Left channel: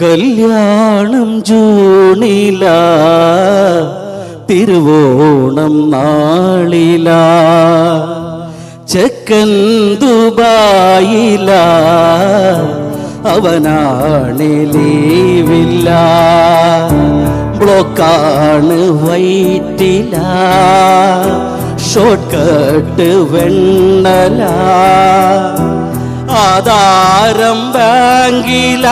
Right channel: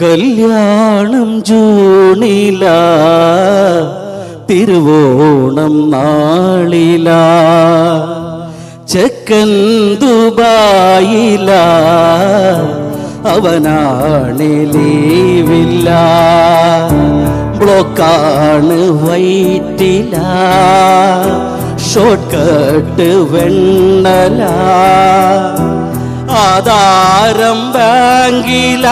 കല്യാണം ജൂണില തിരുവോണം നാളില ചെക്കൻ ദുബായില അവനാണ് ലീവില്ല ബ്ലോക്കാണ് വൈറ്റില ഷോർട്ട് കട്ട് വെണ്ണല ആധാരം ബാങ്കില.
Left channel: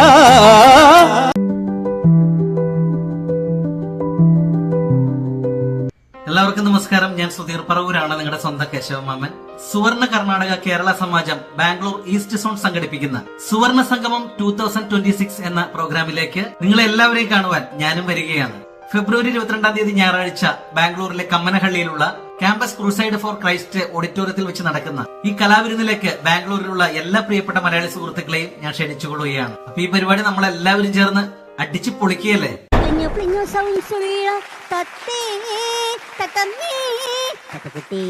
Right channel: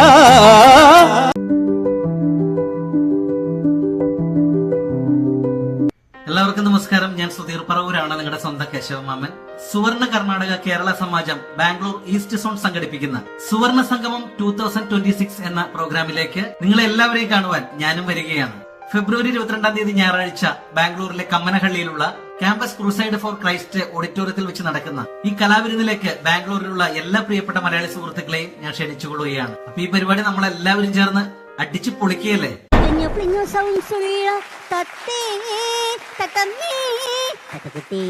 എല്ലാവർക്കും നമസ്കാരം. ഞാൻ സുധീർ പറവൂരാണ്, നിങ്ങളുടെ സ്വന്തം കേശവമാമൻ. സുവർണ കർണാടക കേരള സമാജം ബാംഗ്ലൂർ ഈസ്റ്റ് സോൺ സംഘടിപ്പിക്കുന്ന സുവർണ സംഗമം 2026 എന്ന പ്രോഗ്രാമിലേക്ക് നിങ്ങളെ എല്ലാവരെയും കാണുവാൻ ഞാനും വരികയാണ്. ഫെബ്രുവരി 22-ാം തീയതി ഞായറാഴ്ച ബാംഗ്ലൂരിലെ കമ്മനഹള്ളിയിലുള്ള ക്യാമ്പസ് ക്രൂസൈഡ് ഫോർ ക്രൈസ്റ്റ് ഓഡിറ്റോറിയത്തിൽ വെച്ച് നടക്കുന്ന ഈ കലാവിരുന്നിലേക്ക് ബാംഗ്ലൂരിലുള്ള എല്ലാ പ്രിയപ്പെട്ട മലയാളി സുഹൃത്തുക്കളെയും ഞാൻ ക്ഷണിച്ചുകൊള്ളുകയാണ്. അപ്പൊ ഈ പരിപാടി നമ്മളെല്ലാവരും ചേർന്ന് അടിച്ചു പൊളിക്കുകയല്ലേ. തത്തേ തത്തമ്മേ തത്തക്കുട്ടി